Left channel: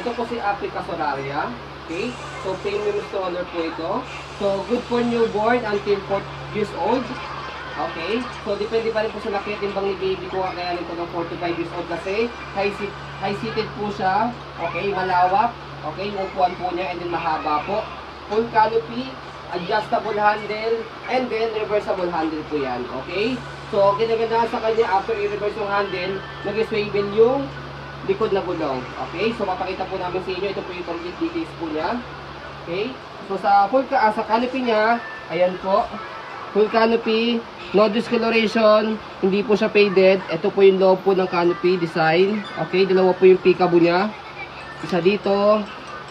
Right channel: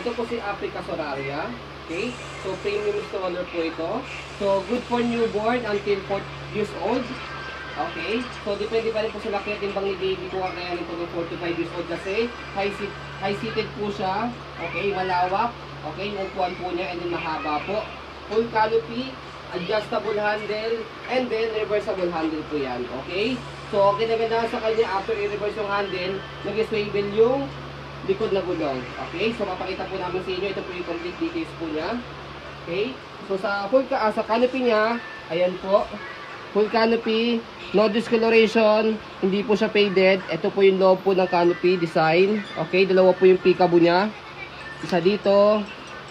ito po si Africa Solaria. Okay? So, premium installer po ito. So, good for newborn until 4 years old. Okay? So, depende pa rin po sa laki at timbang ni baby kung kakayanin po ng 4 to 5 years old kasi high-seated po siya. Okay? Malawak. Okay? Yung upuan po niya and then mahaba po. Full canopy, adjustable handle, and then reversible handle po yan. Okay? So, ginaganda sa kanya after i-reverse yung handle, nag-swivel yung likod na gulong. Okay? So, mapakita po namin sa inyo. Ito po yung complete details po niya. Okay? So, sa canopy niya, ayan po. Full canopy, no discoloration, hindi po siya faded. Ito po yung loob po ng canopy design. Okay? Dalawa po yung peekaboo niya. Isa dito,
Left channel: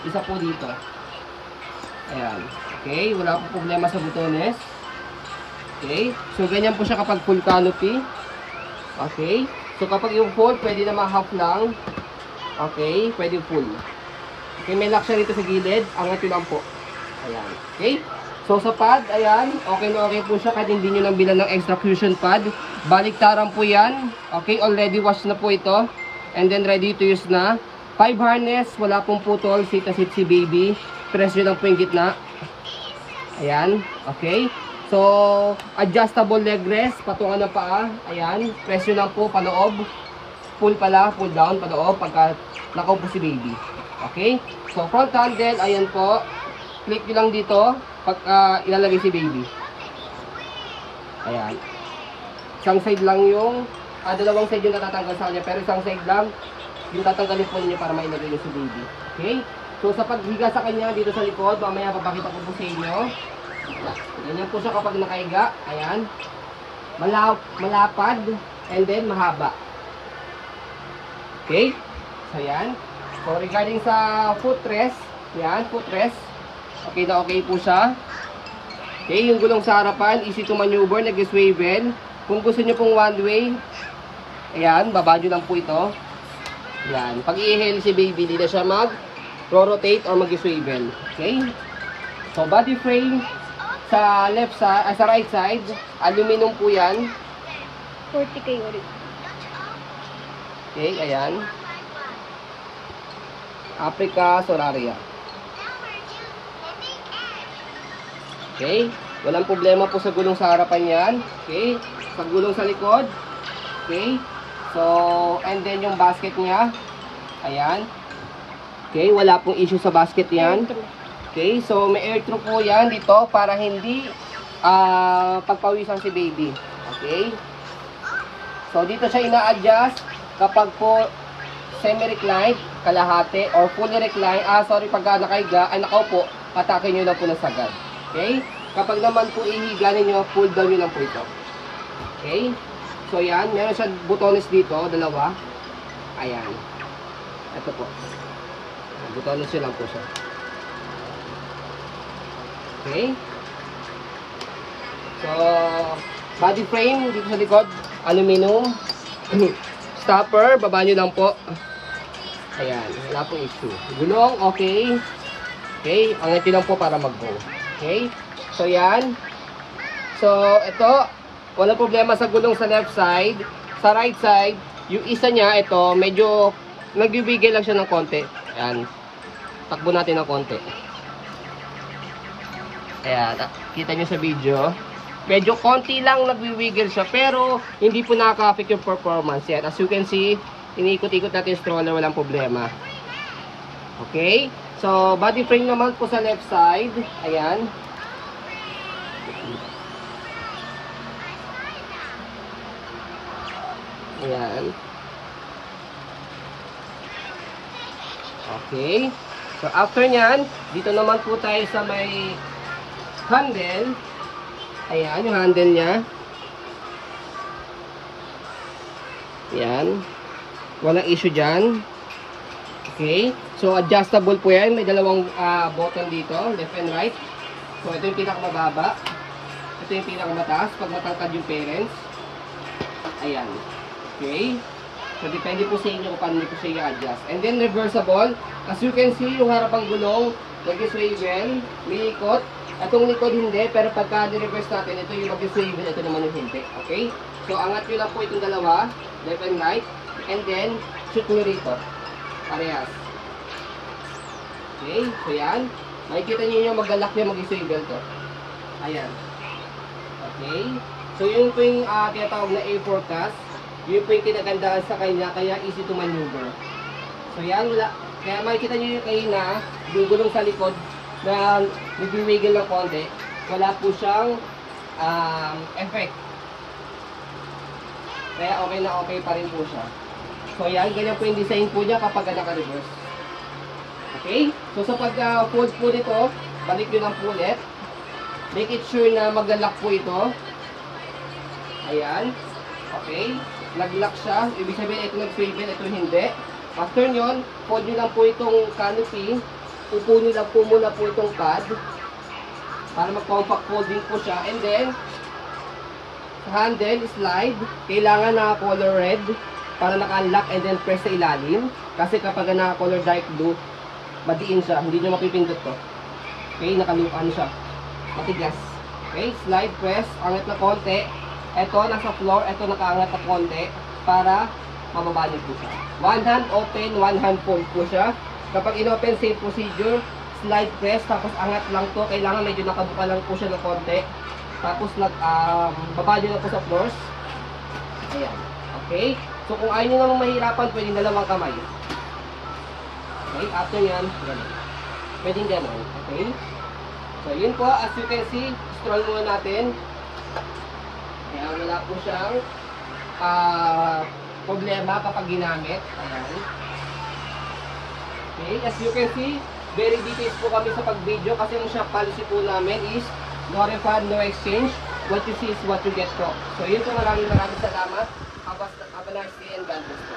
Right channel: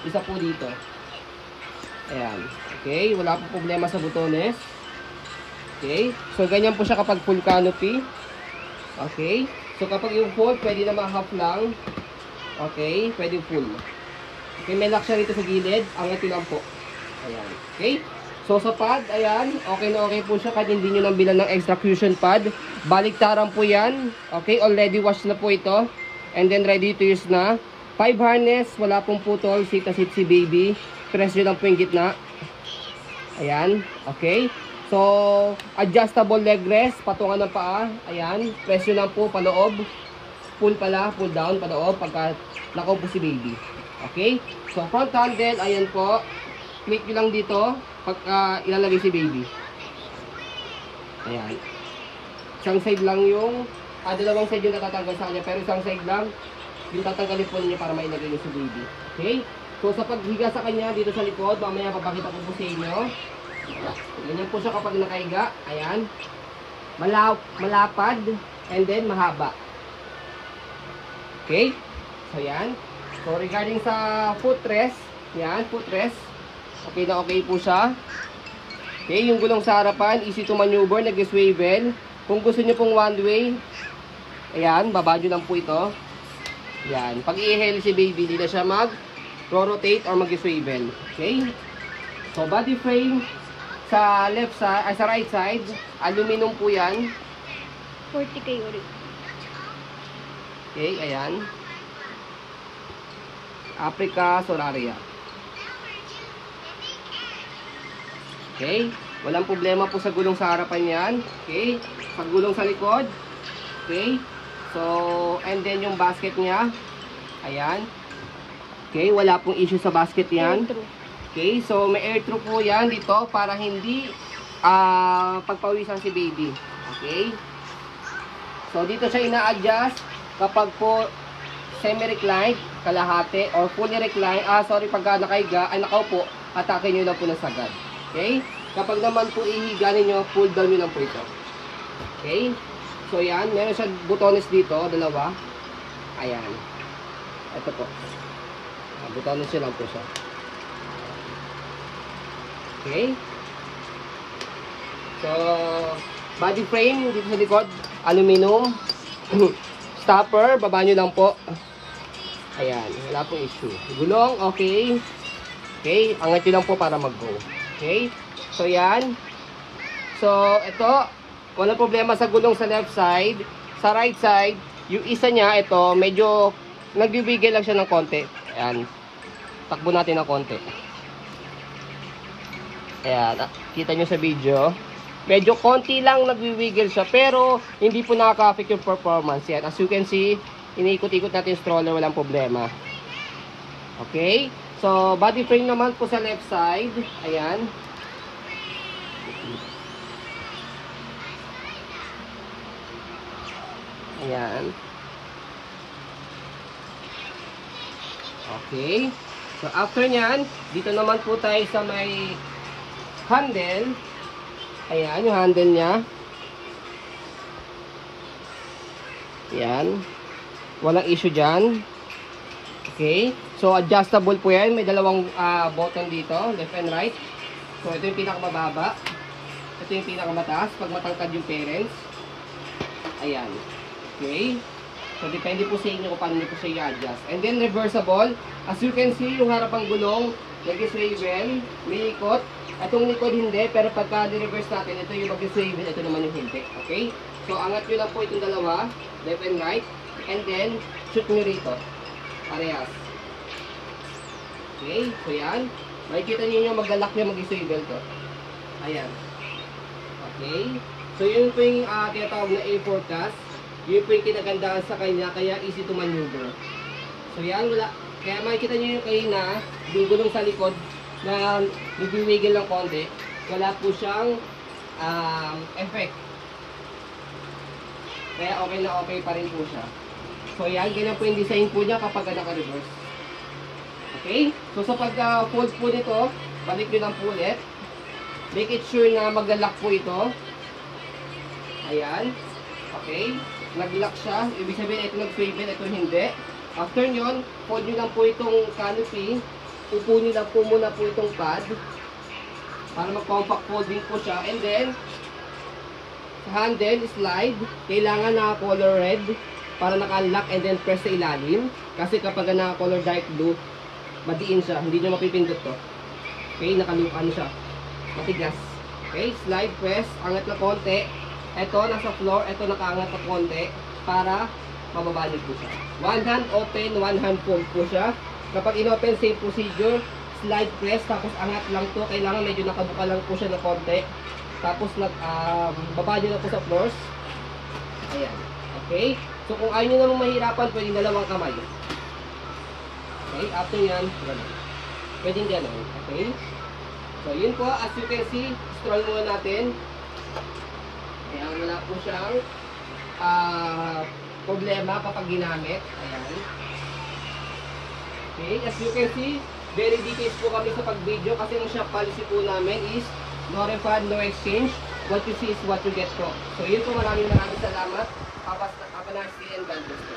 isa po dito. Ayan. Okay? Wala po problema sa butones. Okay? So, ganyan po siya kapag full canopy. Okay? So, kapag yung full, pwede naman half lang. Okay? Pwede full. Okay? May lock siya dito sa gilid. Angat yun lang po. Ayan. Okay? So, sa pad, ayan. Okay na okay po siya kahit hindi nyo nang bilan ng extra cushion pad. Baliktaran po yan. Okay? Already washed na po ito. And then, ready to use na. 5 harness. Wala pong putol. Sit na sit si baby. Press nyo lang po yung gitna. Ayan. Okay? So, adjustable leg rest, patungan ng paa. Ayan, press nyo lang po, paloob. Pull pala, pull down, paloob, pagka nakaupo si baby. Okay? So, front handle, ayan po. Click nyo lang dito, pagka ilalagay si baby. Ayan. Isang side lang yung, dalawang side yung natatanggal sa kanya, pero isang side lang, yung tatanggalin po ninyo para mailagay nyo si baby. Okay? So, sa paghiga sa kanya, dito sa likod, mamaya papakita ko po sa inyo. Ganyan po siya kapag nakahiga. Ayan. Malapad. And then mahaba. Okay. So, ayan. So, regarding sa footrest. Ayan, footrest. Okay na okay po siya. Okay, yung gulong sa harapan. Easy to maneuver. Nag-swivel. Kung gusto nyo pong one way. Ayan, baba nyo lang po ito. Ayan. Pag i-hail si baby, hindi na siya mag-rotate or mag-swivel. Okay. So, body frame. Sa left side, sa right side, aluminum po yan. 40K ulit. Okay, ayan. Africa Solaria. Okay, walang problema po sa gulong sa harapan yan. Okay, sa gulong sa likod. Okay, so, and then yung basket niya. Ayan. Okay, wala pong issue sa basket yan. Okay, so may air through po yan dito para hindi pagpawisan si baby. Okay. So dito siya ina-adjust kapag po semi-recline, kalahati, or fully recline. Pagka nakahiga, ay nakaupo, atakin nyo lang po ng sagad. Okay. Kapag naman po ihiga ninyo, pull down nyo lang po ito. Okay. So yan, meron siya butones dito, dalawa. Ayan. Ito po. Butones lang po siya. Okay. So, body frame dito sa likod, aluminum. Stopper, baba nyo lang po. Ayan, wala pong issue. Gulong, okay. Okay, angat lang po para mag-go. Okay. So, yan. So, ito, wala problema sa gulong sa left side. Sa right side, yung isa niya, ito, medyo nagbibigay lang siya ng konti. Ayan. Takbo natin ng konti. Ayan, kita nyo sa video. Medyo konti lang nagwi-wiggle siya, pero hindi po nakaka-affect yung performance. Yan, as you can see, iniikot-ikot natin yung stroller, walang problema. Okay? So, body frame naman po sa left side. Ayan. Ayan. Okay. So, after nyan, dito naman po tayo sa may handle. Ayan, yung handle niya. Ayan. Walang issue dyan. Okay. So, adjustable po yan. May dalawang button dito, left and right. So, ito yung pinakamababa. Ito yung pinakamataas pag matangkad yung parents. Ayan. Okay. So, depende po sa inyo kung paano po siya i-adjust. And then, reversible. As you can see, yung harapang gulong, nag-swivel, may ikot. Itong likod hindi, pero pagka di-reverse natin, ito yung mag-swivel, ito naman yung hindi. Okay? So, angat nyo lang po itong dalawa, left and right. And then, shoot nyo rito. Parehas. Okay, so yan. Makikita nyo yung mag-lock yung mag-swivel to. Ayan. Okay. So yun po yung tinatawag na A4 cast. Yun po yung kinagandaan sa kanya, kaya easy to maneuver. So yan, kaya makikita nyo yung kanina, yung gulong sa likod na nag-wiggle ng konti. Wala po siyang effect. Kaya okay na okay pa rin po siya. So yan, ganyan po yung design po niya kapag naka-reverse. Okay? So sa pag-fold po nito, balik nyo lang po ulit. Make it sure na mag-lock po ito. Ayan. Okay. Nag-lock siya. Ibig sabihin ito nag-swivel, ito hindi. After nyon, fold nyo lang po itong canopy. Upo nyo lang po muna po itong pad. Para mag-compact folding po siya. And then, handle, slide. Kailangan na color red para naka-lock and then press sa ilalim. Kasi kapag naka-color dark blue, madiin siya. Hindi nyo mapipindot to. Okay, ano siya. Matigas. Okay, slide, press. Angat na konti. Ito, nasa floor. Ito, nakaangat na konti. Para mababa niyo po siya. One hand open, one hand fold po siya. Kapag in-open, same procedure. Slide, press. Tapos angat lang to. Kailangan medyo nakabuka lang po siya ng konti. Tapos baba niyo na po sa floors. Ayan. Okay. So, kung ayaw nyo namang mahirapan, pwedeng dalawang kamay. Okay, after yan, gano'n. Pwedeng gano'n. Okay. So, yun po. As you can see, scroll muna natin. Kaya wala po siyang problema kapag ginamit. Ayan. Okay, as you can see, very details po kami sa pag-video kasi ang shop policy po namin is no refund, no exchange. What you see is what you get from. So, yun po. Maraming salamat. Have a nice day and God bless po.